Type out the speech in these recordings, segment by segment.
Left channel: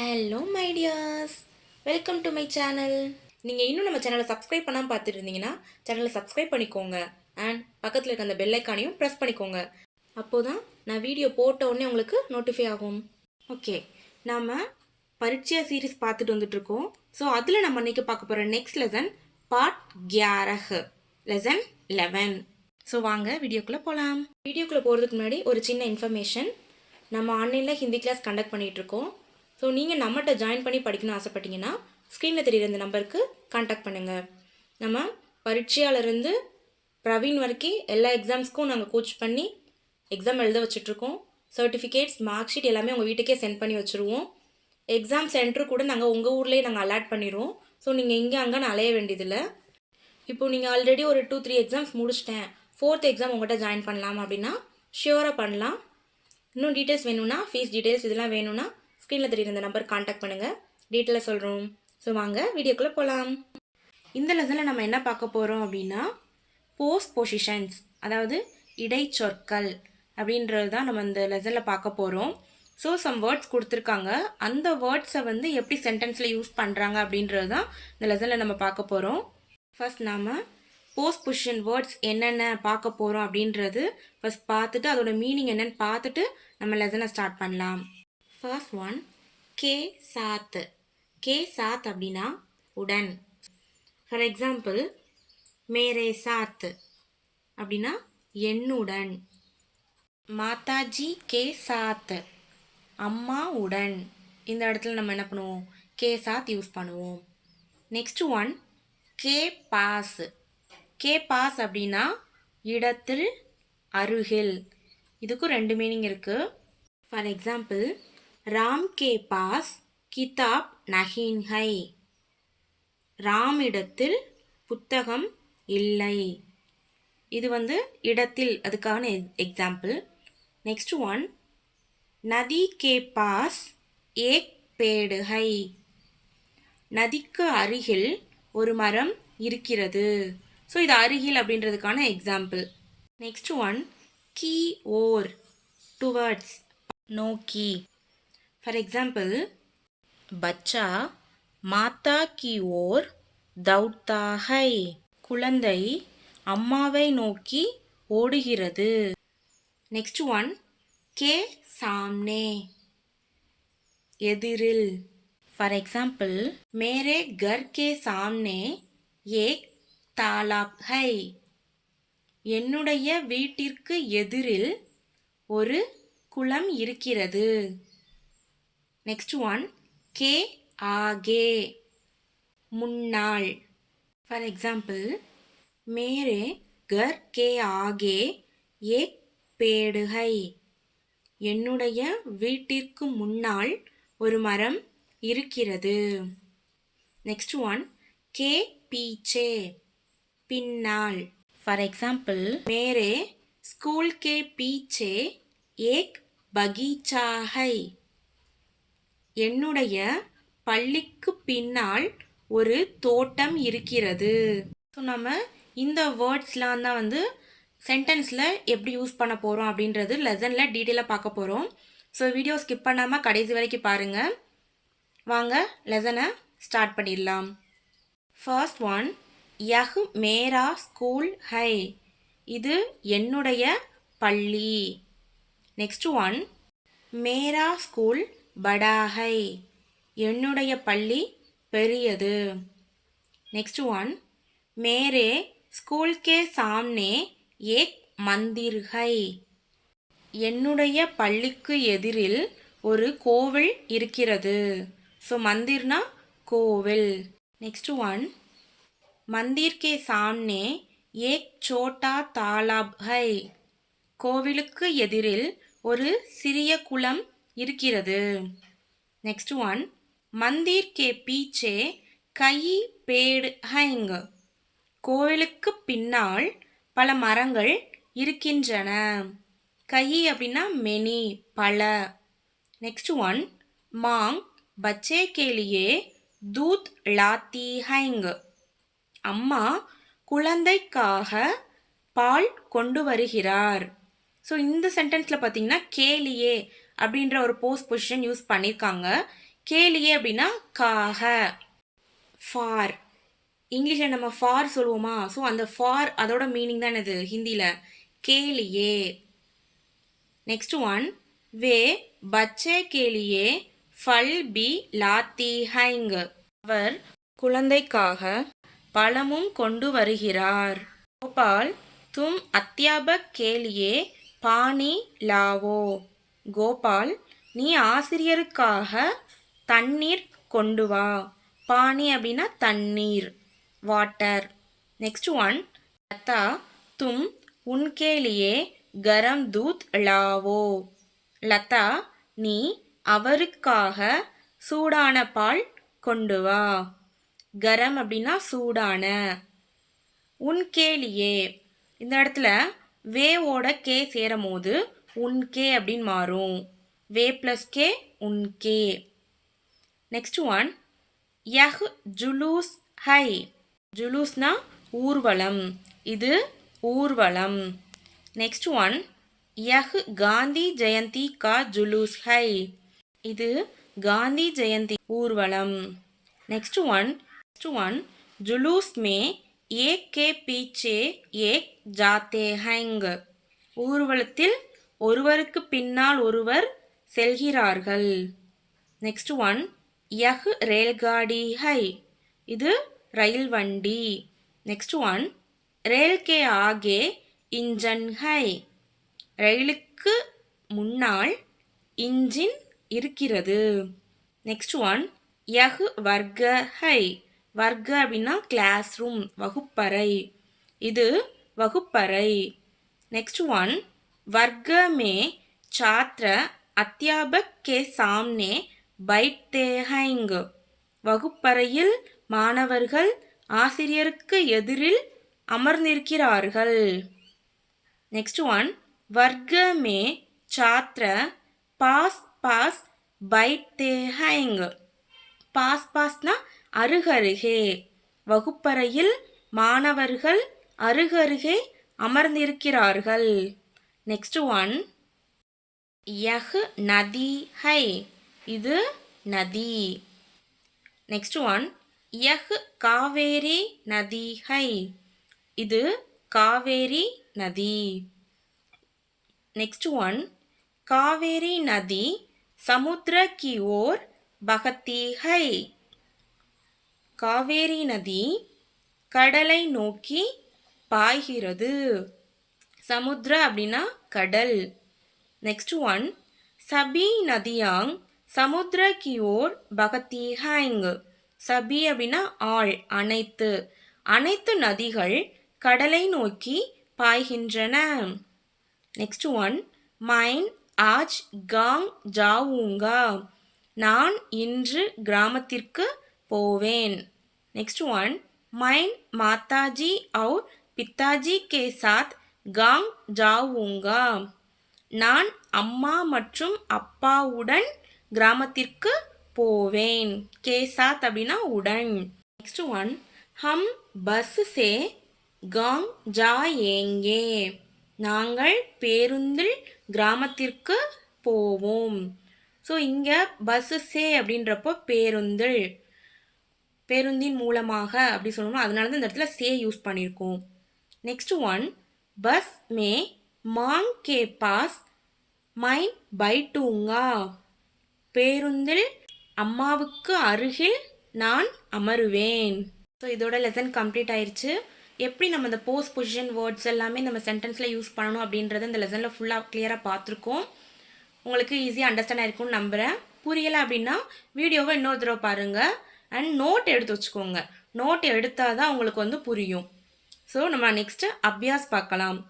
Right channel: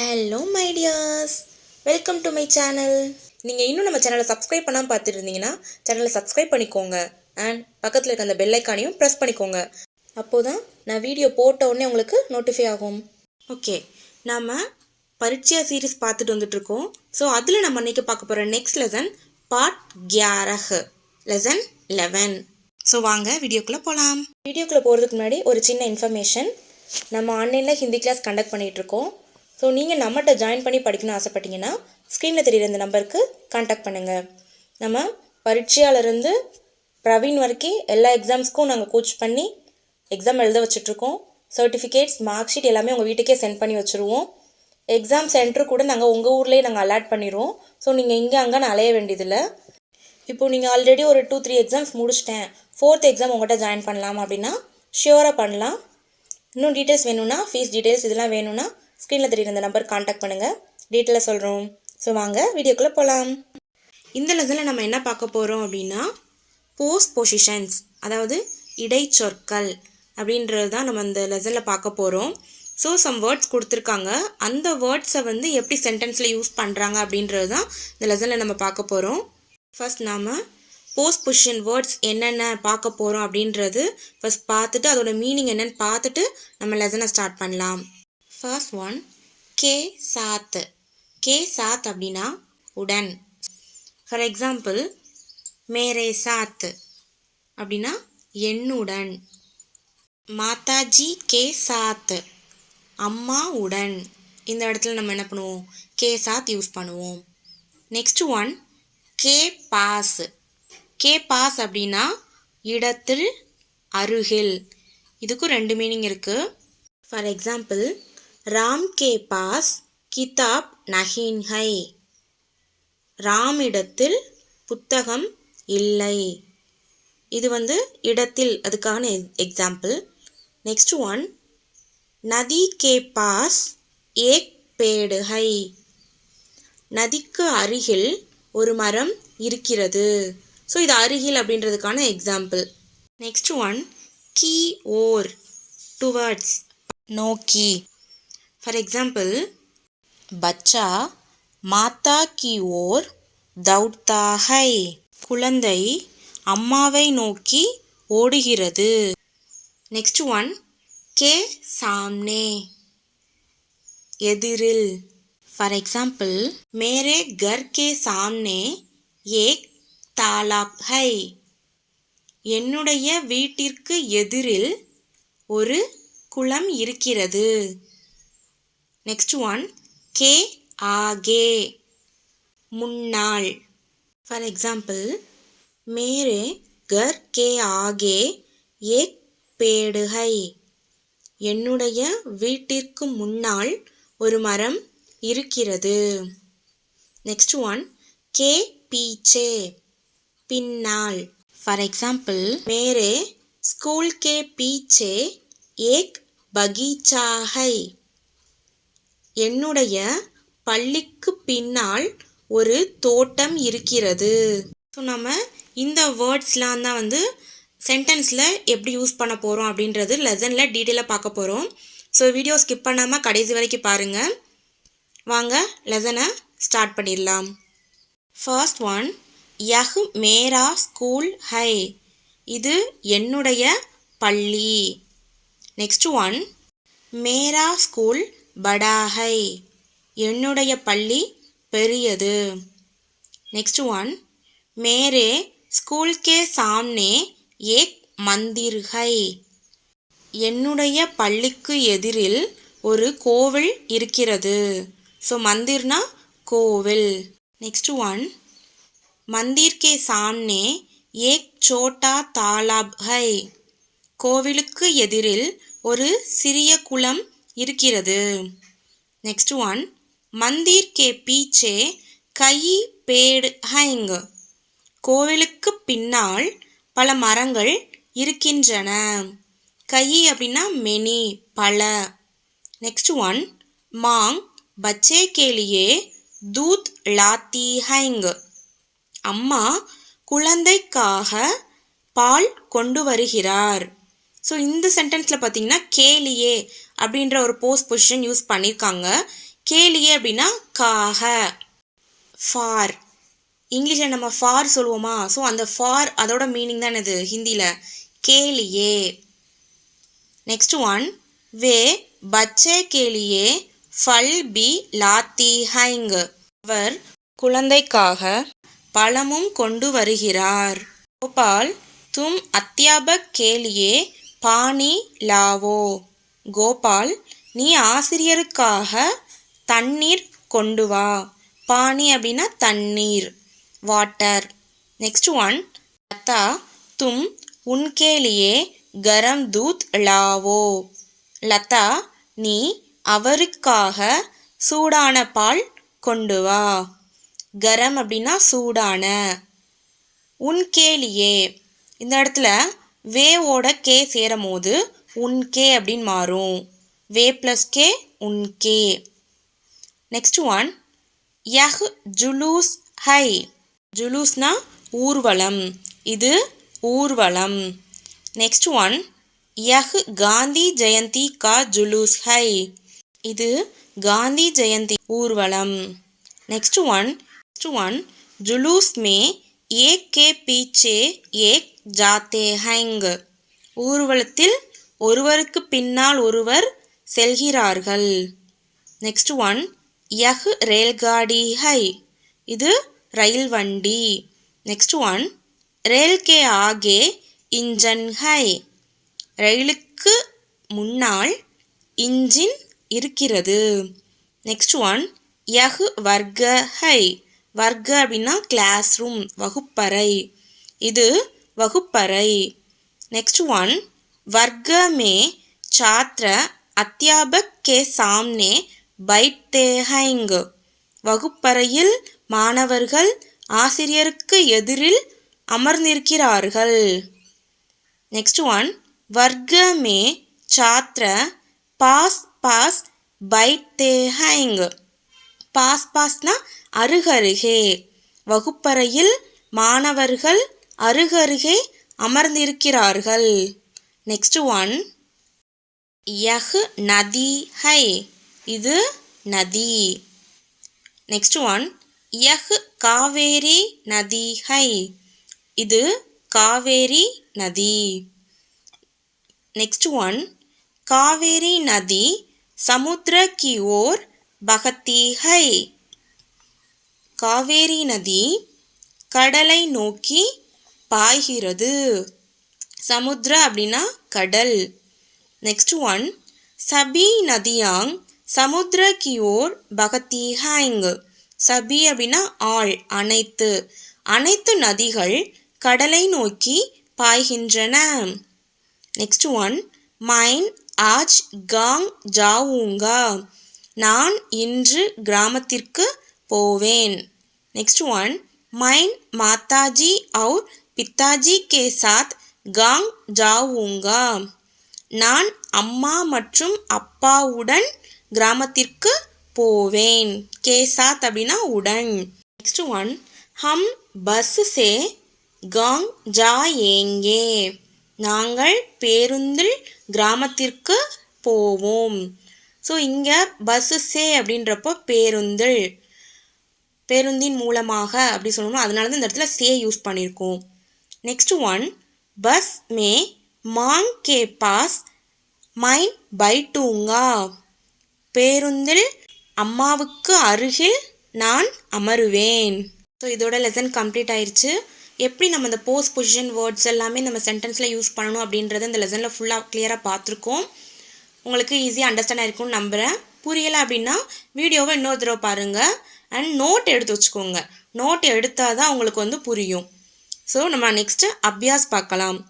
Hello my tears, welcome to my channel. நீங்கள் இன்னும் நம்ம சேனலை சப்ஸ்கிரைப் பண்ணாமல் பார்த்துட்டு இருந்தீங்கன்னா சேனலை சப்ஸ்கிரைப் பண்ணிக்கோங்க. அண்ட் பக்கத்தில் இருக்க அந்த பெல் ஐக்கானையும் ப்ரெஸ் பண்ணிக்கோங்க. அப்போது தான் நான் வீடியோ போட்ட உடனே உங்களுக்கு நோட்டிஃபை ஆகும். ஓகே, நாம் பரீட்சையா சீரீஸ் பார்த்துட்டு வந்துட்ருக்கோம். ஸோ அதில் நம்ம இன்றைக்கி பார்க்க போகிற next lesson part 11, lesson 11. So வாங்க வீடியோக்குள்ளே போகலாம். வீடியோக்குள்ளே போகிறதுக்கு முன்னாடி ஒரு சின்ன இன்ஃபர்மேஷன். நம்ம ஆன்லைனில் ஹிந்தி கிளாஸ் கண்டக்ட் பண்ணிகிட்ருக்கோம். ஸோ நீங்கள் நம்மகிட்ட ஜாயின் பண்ணி படிக்கணும்னு ஆசைப்பட்டீங்கன்னா ஸ்க்ரீனில் தெரிகிற இந்த நம்பருக்கு கான்டாக்ட் பண்ணுங்கள். நம்ம பரீட்சையாலேருந்து பிரவீன் வரைக்கும் எல்லா எக்ஸாம்ஸ்க்கும் நாங்கள் கோச் பண்ணி எக்ஸாம் எழுத வச்சுட்ருக்கோம். சர்டிஃபிகேட்ஸ், மார்க் ஷீட் எல்லாமே உங்கள் வீட்டுக்கே சென்ட் பண்ணி வச்சுருவோம். எக்ஸாம் சென்டர் கூட நாங்கள் உங்கள் ஊர்லேயே நாங்கள் அலாட் பண்ணிடுவோம். ஸோ நீங்கள் இங்கே அங்கே அலைய வேண்டியதில்லை. இப்போது நீங்கள் ஆல்ரெடி ஒரு 2-3 எக்ஸாம்ஸ் முடிச்சிட்டேன், 4th எக்ஸாம் உங்கள்கிட்ட ஜாயின் பண்ணலாம் அப்படின்னா ஷியோராக பண்ணலாம். இன்னும் டீட்டெயில்ஸ் வேணும்னா, ஃபீஸ் டீட்டெயில்ஸ் இதெல்லாம் வேணும்னா ஸ்க்ரீனில் தெரியுற இந்த நம்பர் கான்டாக்ட் பண்ணுங்கள், டீட்டெயிலாக சொல்கிறோம். ஸோ வாங்க வீடியோக்குள்ளே போகலாம். இந்த லெசனில் நம்ம என்ன பார்க்க போகிறோம் அப்படின்னா போஸ்ட் பொசிஷன்ஸ், அதாவது இடைச்சொற்கள் அப்படின்றது தான் நம்ம இந்த லெசனில் பார்க்க போகிறோம். ஸோ சம் வேர்ட்ஸ் கொடுத்துருக்காங்க, அந்த வேர்ட்ஸை வந்து எப்படி சென்டென்ஸில் யூஸ் பண்ணுறாங்க அப்படின்றது தான் இந்த லெசனில் நம்ம பார்க்க போகிறோம். ஃபர்ஸ்ட் நாம் போஸ்ட் பொசிஷன் வேர்ட்ஸ் என்னென்ன பார்க்க போகிறோம் அப்படின்றது ஃபர்ஸ்ட் பார்த்துட்டு அதோட மீனிங் என்னென்னு பார்த்துட்டு நம்ம லெசனை ஸ்டார்ட் பண்ணலாம். ஃபர்ஸ்ட் ஒன், கே சாத். கே சாத் அப்படின்னா உடன். ஃபார் எக்ஸாம்பிள், மேரே சாத் அப்படின்னா என்னுடன். மாதாஜி கே சாத், அம்மா உடன். இந்த இடத்துல நம்ம என்ன பண்ணுவோம், கே சாத் யூஸ் பண்ணுவோம். நெக்ஸ்ட் ஒன், கே பாஸ். கே பாஸ் அப்படின்னா இடத்தில், அருகில். இதுக்கும் 2 மீனிங் இருக்குது. ஃபார் எக்ஸாம்பிள், ராம் கே பாஸ் கிதாப் நஹீன் ஹை. ராமிடத்தில் புத்தகம் இல்லை. இது வந்து இடத்தில், அதுக்கான எக்ஸாம்பிள். நெக்ஸ்ட் ஒன், நதி கே பாஸ் ஏக் பேடு ஹை. நதிக்கு அருகில் ஒரு மரம் இருக்கிறது. ஸோ இது அருகில் அப்படின்றதுக்கான எக்ஸாம்பிள். நெக்ஸ்ட் ஒன், கி ஓர், டுவர்ட்ஸ், நோக்கி. For example, Bachcha Mata Ki wore தௌட்தா high. குழந்தை அம்மாவை நோக்கி ஓடுகிறது. நெக்ஸ்ட் ஒன், கே சாம்னே, எதிரில். ஃபார் எக்ஸாம்பிள், மேரே கர் கே சாம்னே ஏக் தாலாப் ஹை. என்னுடைய வீட்டிற்கு எதிரில் ஒரு குளம் இருக்கிறது. நெக்ஸ்ட் ஒன், கே ஆகே, முன்னாள். ஃபார் எக்ஸாம்பிள், மேரே கர் கே ஆகே ஏக் பேடு ஹை. என்னுடைய வீட்டிற்கு முன்னால் ஒரு மரம் இருக்கிறது. நெக்ஸ்ட் ஒன், கே பீச்சே, பின்னால். ஃபார் எக்ஸாம்பிள், மேரே ஸ்கூல் கே பீச்சே ஏக் பகீச்சா ஹை. என்னுடைய பள்ளிக்கு பின்னால் ஒரு தோட்டம் இருக்கிறது. ஸோ நம்ம இந்த வேர்ட்ஸ்லாம் தான் வந்து சென்டென்ஸில் எப்படி யூஸ் பண்ண போகிறோம் அப்படின்றது லெசனில் டீட்டெயிலாக பார்க்க போகிறோம். ஸோ வீடியோ ஸ்கிப் பண்ணாமல் கடைசி வரைக்கும் பாருங்கள். வாங்க லெசனை ஸ்டார்ட் பண்ணிடலாம். ஃபர்ஸ்ட் ஒன், யஹ் மேரா ஸ்கூல் ஹை. இது என்னுடைய பள்ளி. நெக்ஸ்ட் ஒன், மேரா ஸ்கூல் படா ஹை. என்னுடைய பள்ளி பெரியது. நெக்ஸ்ட் ஒன், மேரே ஸ்கூல் கே சாம்னே ஏக் மந்திர் ஹை. என்னுடைய பள்ளிக்கு எதிரில் ஒரு கோவில் இருக்கிறது. ஸோ மந்திர்னா கோவில். நெக்ஸ்ட் ஒன், மந்திர் கே சாம்னே ஏக் சோட்டா தாலாப் ஹை. கோவிலுக்கு எதிரில் ஒரு சிறிய குளம் இருக்கிறது. நெக்ஸ்ட் ஒன், மந்திர் கே பீச்சே கயி பேடு ஹைங். கோவிலுக்கு பின்னால் பல மரங்கள் இருக்கின்றன. கயி அப்படின்னா மெனி, பல. நெக்ஸ்ட் ஒன், மாங் பச்சே கே லியே தூத் லாத்தி ஹைங். அம்மா குழந்தைக்காக பால் கொண்டு வருகிறார். ஸோ இந்த சென்டென்ஸில் பார்த்தீங்கன்னா கேலியே அப்படின்ற ஒரு போஸ்ட் பொசிஷன் யூஸ் பண்ணியிருக்காங்க. கேளியே அப்படின்னா காக. ஃபார், இங்கிலீஷில் நம்ம ஃபார் சொல்லுவோமா, ஸோ அந்த ஃபார் அதோட மீனிங் தான் இது ஹிந்தியில் கேளியே. नेक्स्ट वन, वे बच्चे के लिए फल भी लाती हैं. அவர் குழந்தைக்காக பழமும் கொண்டு வருகிறார். கோபால், तुम अध्यापक के लिए पानी लाओ. கோபால், நீ ஆசிரியருக்காக தண்ணீர் கொண்டு வா. பானி அப்படின்னா தண்ணீர், வாட்டர். நெக்ஸ்ட் ஒன், லதா, தும் உன்கே லியே கரம் தூத் லாவோ. லதா, நீ அவருக்காக சூடான பால் கொண்டு வா. கரம் அப்படின்னா சூடான. உன்கேலியே, இந்த இடத்துல வேவோட கே சேரும் போது உன்கே அப்படின்னு மாறும். வே ப்ளஸ் கே, உன்கே. நெக்ஸ்ட் ஒன், யஹ் ஜுலூஸ் ஹை. ஜுலூஸ்னா ஊர்வலம், இது ஊர்வலம். नेक्स्ट वन, यह गांधी जयंती का जुलूस है. இது காந்தி ஜெயந்தி ஊர்வலம். नेक्स्ट वन, जुलूस में एक के पीछे एक जाते हैं. ஊர்வலத்தில் ஒருவருக்கு பின்னால் ஒருவர் செல்கிறார்கள். नेक्स्ट वन, यह रेलगाड़ी है. இது ரயில் வண்டி. नेक्स्ट वन, रेल के आगे इंजन है. ரயிலுக்கு முன்னால் இன்ஜின் இருக்கிறது. நெக்ஸ்ட் ஒன், யஹ் வர்க ஹை. வர்க அப்படின்னா கிளாஸ் ரூம், வகுப்பறை. இது வகுப்பறை. நெக்ஸ்ட் ஒன், வர்க மே छात्र अध्यापक के सामने बैठते हैं. வகுப்பறையில் மாணவர்கள் ஆசிரியருக்கு எதிரில் அமர்ந்திருக்கிறார்கள். नेक्स्ट वन, वर्ग में छात्र पास पास बैठते हैं. पास पासना அருகருகே. வகுப்பறையில் மாணவர்கள் அருகருகே அமர்ந்திருக்கிறார்கள். नेक्स्ट वन, यह नदी है. இது நதி. नेक्स्ट वन, यह कावेरी नदी है. இது காவேரி நதி. नेक्स्ट वन, कावेरी नदी समुद्र की ओर बहती है. காவேரி நதி கடலை நோக்கி பாய்கிறது. சமுத்திர அப்படின்னா கடல். नेक्स्ट वन, सभी नदियां समुद्र की ओर बहती हैं. சபி அப்படின்னா ஆல், அனைத்து. அனைத்து நதிகள் கடலை நோக்கி பாய்கின்றன. नेक्स्ट वन, मैं आज गांव जाऊंगा. நான் இன்று கிராமத்திற்கு போவேன். नेक्स्ट वन, मैं माताजी और पिताजी के साथ गांव जाऊंगा. நான் அம்மா மற்றும் அப்பாவுடன் கிராமத்திற்கு போவேன். கே சாத் அப்படின்னா உடன். नेक्स्ट वन, हम बस से गांव जाएंगे. நாங்கள் பேருந்தில் கிராமத்திற்கு போவோம். ஸோ இங்கே பஸ்ஸு சே அப்படின்றப்போ பேருந்தில், பேருந்தின் மூலமாக அப்படி சொல்லணும். அதனால தான் இந்த இடத்துல சே யூஸ் பண்ணியிருக்கோம். நெக்ஸ்ட் ஒன், பஸ் மே மாங் கே பாஸ் மைன் பைட்டூங்கா. பேருந்தில் அம்மாவுக்கு அருகில் நான் அமருவேன். ஸோ இதோட லெசன் கம்ப்ளீட் ஆயிடுச்சு. எப்படி நம்ம இந்த போஸ்ட் பொசிஷன் வேர்ட்ஸ் எல்லாமே நம்ம சென்டென்ஸில் யூஸ் பண்ணணும் அப்படின்றத இந்த லெசனில் ஃபுல்லாக கிளியராக பார்த்துருக்கோம். உங்களுக்கு ஈஸியாக அண்டர்ஸ்டாண்ட் ஆகிருக்கும்னு நம்புகிறேன். புரியலை அப்படின்னா வீடியோவை இன்னொரு தடவை பாருங்கள் அண்ட் நோட் எடுத்து வச்சுக்கோங்க. நோட் எடுத்தால் தான் உங்களுக்கு புரியும். ஸோ நம்ம நெக்ஸ்ட்டு அபியாஸ் பார்க்கலாம்.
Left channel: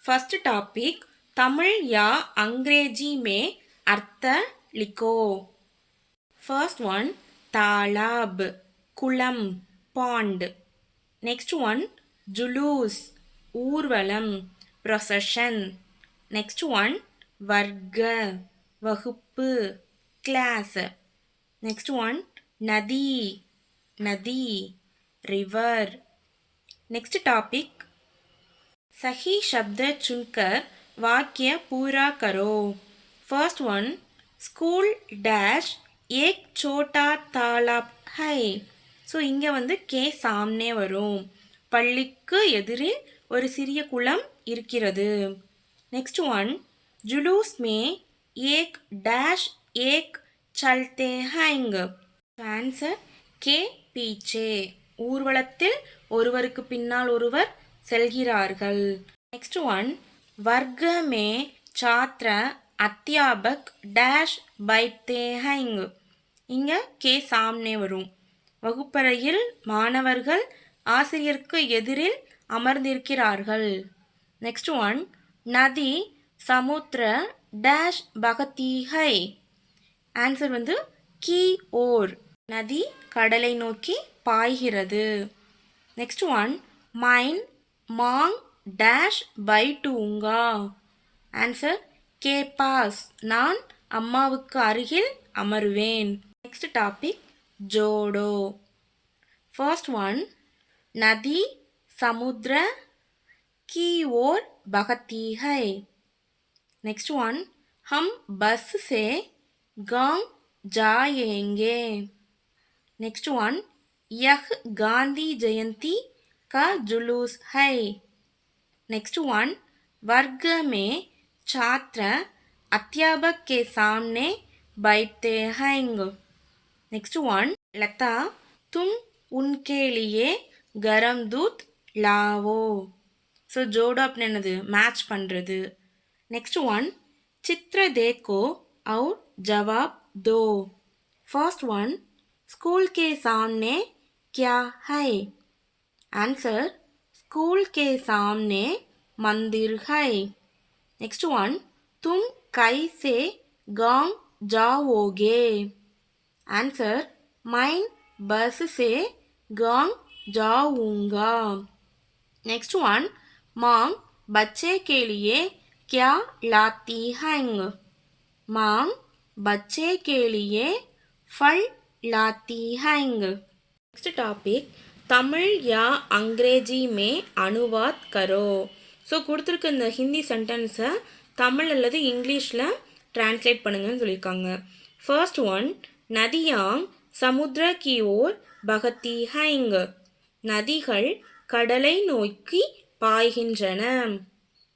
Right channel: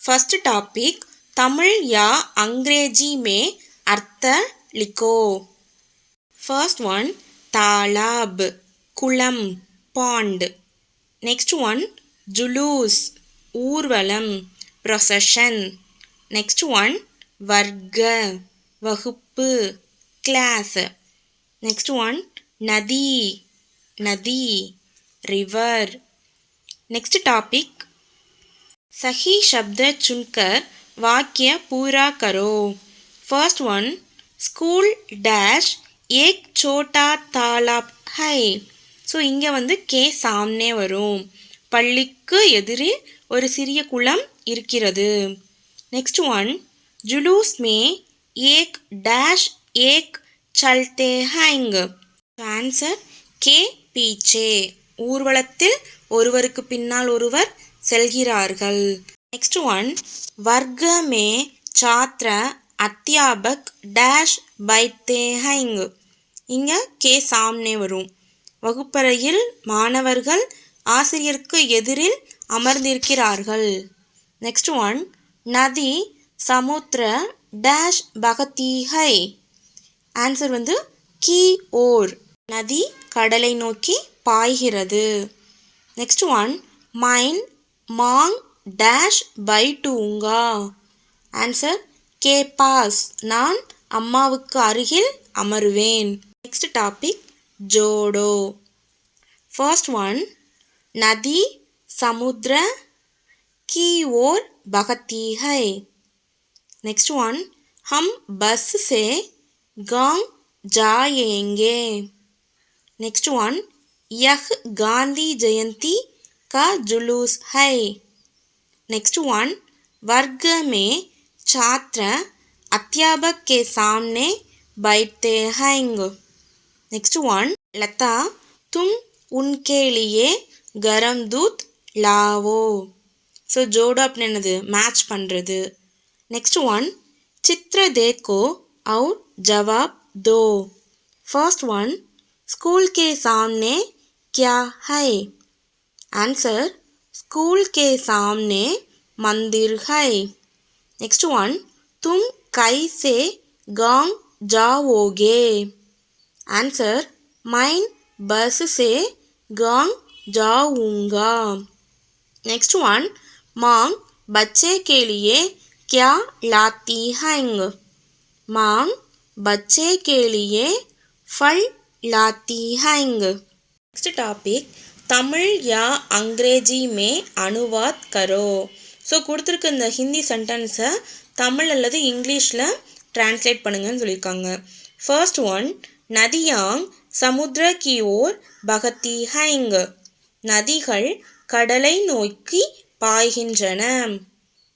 ஃபர்ஸ்ட் டாபிக், தமிழ் யா அங்கிரேஜி மே அர்த்த லிக்கோ. ஃபர்ஸ்ட் ஒன், தாலாப், குளம், பாண்ட். நெக்ஸ்ட் ஒன், जुलूस, ஊர்வலம், procession. next one, வர்க்க, வகுப்பு, class. next one, நதி, நதி, river. next topic, सही शब्द चुनकर वाक्य पूरा करो. first one, school dash ஏக் சோட்டா தாலாப் ஹை. ஸோ இங்கே வந்து கே சாம்னே வரும். பள்ளிக்கு எதிரில் ஒரு சிறிய குளம் இருக்கிறது. நெக்ஸ்ட் ஒன், ஜுலூஸ் மே ஏக் டேஷ் ஏக் சல்தே ஹைங். ஆன்சர் கே பீச்சே. ஊர்வலத்தில் ஒருவருக்கு பின்னால் ஒருவர் செல்கிறார்கள். நெக்ஸ்ட் ஒன், வர்க்க மே சாத்ர அத்தியாபக் டேஷ் பைத்தே ஹைங். இங்கே கே சாம்னே வரும். வகுப்பறையில் மாணவர்கள் ஆசிரியருக்கு எதிரில் அமர்ந்திருக்கிறார்கள். நெக்ஸ்ட் ஒன், நதி சமுத்திர டேஷ் பகதி ஹை. ஆன்சர் வந்து கி ஓர். நதி கடலை நோக்கி பாய்கிறது. நெக்ஸ்ட் ஒன், மைன் மாங் டேஷ் பைட்டூங்கா. ஆன்சர் கே பாஸ். நான் அம்மாவுக்கு அருகில் அமருவேன். நெக்ஸ்ட் டாபிக், ஜோடோ. ஃபர்ஸ்ட் ஒன், நதி சமுத்திர की ओर बहती है. नेक्स्ट वन, हम बस से गांव जाएंगे. नेक्स्ट वन, यह गांधी जयंती का जुलूस है. नेक्स्ट वन, वर्ग में छात्र अध्यापक के सामने बैठते हैं. नेक्स्ट वन, लता तुम उनके लिए गरम दूध लाओ. ஸோ ஜோடோ அப்படின்னு என்னது, மேட்ச் பண்ணுறது. நெக்ஸ்ட் ஒன், சித்திர தேக்கோ और जवाब दो. फर्स्ट वन, स्कूल के सामने क्या है. आंसर स्कूल के सामने मंदिर है. नेक्स्ट वन, तुम कैसे गांव जाओगे. आंसर मैं बस से गांव जाऊंगा. नेक्स्ट वन, माँ बच्चे के लिए क्या लाती हैं. माँ बच्चे के लिए फल लाती हैं. नेक्स्ट टॉपिक, தமிழ் या अंग्रेजी में अनुवाद करो. ஸோ கொடுத்துருக்க இந்த ஹிந்தி சென்டென்ஸை தமிழ் அல்லது இங்கிலீஷில் டிரான்ஸ்லேட் பண்ணுங்கன்னு சொல்லியிருக்காங்க. ஃபர்ஸ்ட் ஒன், நதியாங் சமுத்திர கி ஓர் பகதி ஹைங். நதிகள் கடலை நோக்கி பாய்கின்றன.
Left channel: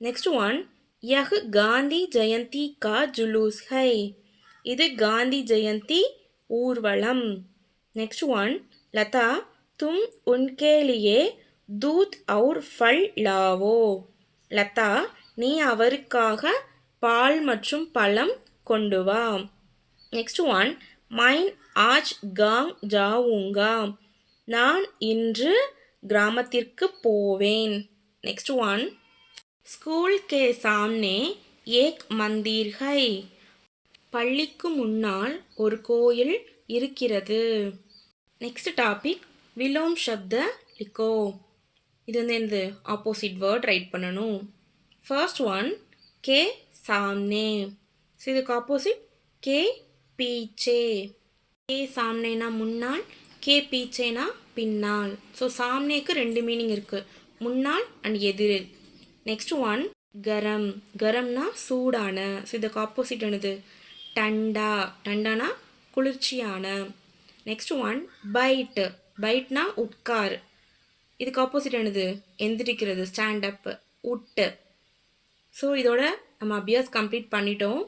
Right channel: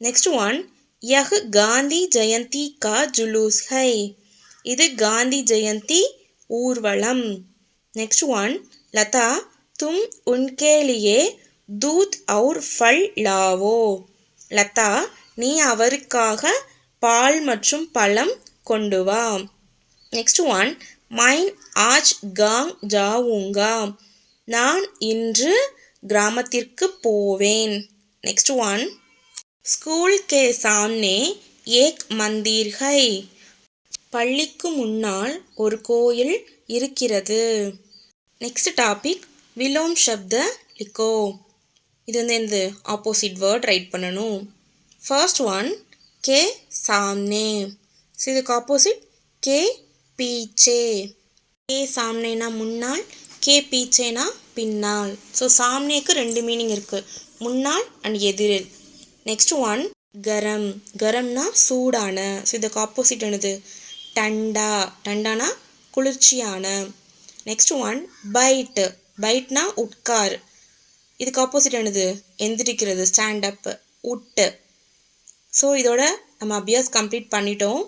நெக்ஸ்ட் ஒன், யஹ் காந்தி ஜெயந்தி கா ஜுலூஸ் ஹை. இது காந்தி ஜெயந்தி ஊர்வலம். நெக்ஸ்ட் ஒன், லதா தும் உன்கே லியே தூத் और फल लाओ. லதா நீ அவருக்காக பால் மற்றும் பழம் கொண்டு வா. நெக்ஸ்ட் ஒன், மைன் ஆஜ் காங் ஜாவுங்கா. நான் இன்று கிராமத்திற்கு போவேன். நெக்ஸ்ட் ஒன், ஸ்கூல் கே சாம்னே ஏக் மந்திர் ஹை. பள்ளிக்கு முன்னால் ஒரு கோயில் இருக்கிறது. நெக்ஸ்ட் டாபிக், விலோம் சப்த லிக்கோ. இது வந்து என்னது, ஆப்போசிட் வேர்ட் ரைட் பண்ணணும். ஃபர்ஸ்ட் ஒன், கே சாம்னே. ஸோ இதுக்கு ஆப்போசிட் கே பீச்சே. கே சாம்னேனா முன்னால், கே பீச்சேனா பின்னால். ஸோ சாம்னேக்கு ரெண்டு மீனிங் இருக்குது, முன்னால் அண்ட் எதிரில். நெக்ஸ்ட் ஒன், கரம். கரம்னா சூடான. ஸோ இதுக்கு ஆப்போசிட் என்னது, டண்டா. டண்டானா குளிர்ச்சியான. Next one, byte. பைட்னா உட்கார். இதுக்கு ஆப்போசிட் என்னது, எந்திரிக்கிறது, ஸ்டாண்ட் அப், உட்டு. ஸோ இதோட நம்ம அபியாஸ் கம்ப்ளீட் பண்ணிட்டோம்.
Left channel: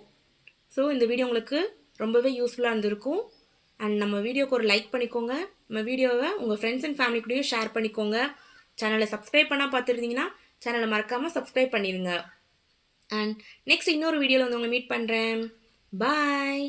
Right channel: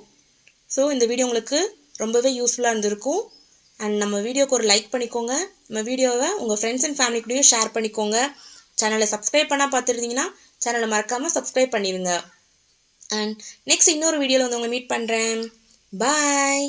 ஸோ இந்த வீடியோ உங்களுக்கு ரொம்பவே யூஸ்ஃபுல்லாக இருந்திருக்கும். அண்ட் நம்ம வீடியோக்கு ஒரு லைக் பண்ணிக்கோங்க. நம்ம வீடியோவை உங்கள் ஃப்ரெண்ட்ஸ் அண்ட் ஃபேமிலி கூடயும் ஷேர் பண்ணிக்கோங்க. சேனலை சப்ஸ்கிரைப் பண்ணால் பார்த்துருந்தீங்கன்னா சேனலை மறக்காமல் சப்ஸ்கிரைப் பண்ணிடுங்க. அண்ட் நெக்ஸ்ட் இன்னொரு வீடியோவில் வந்து உங்களை மீட் பண்ணுறேன். பாய்.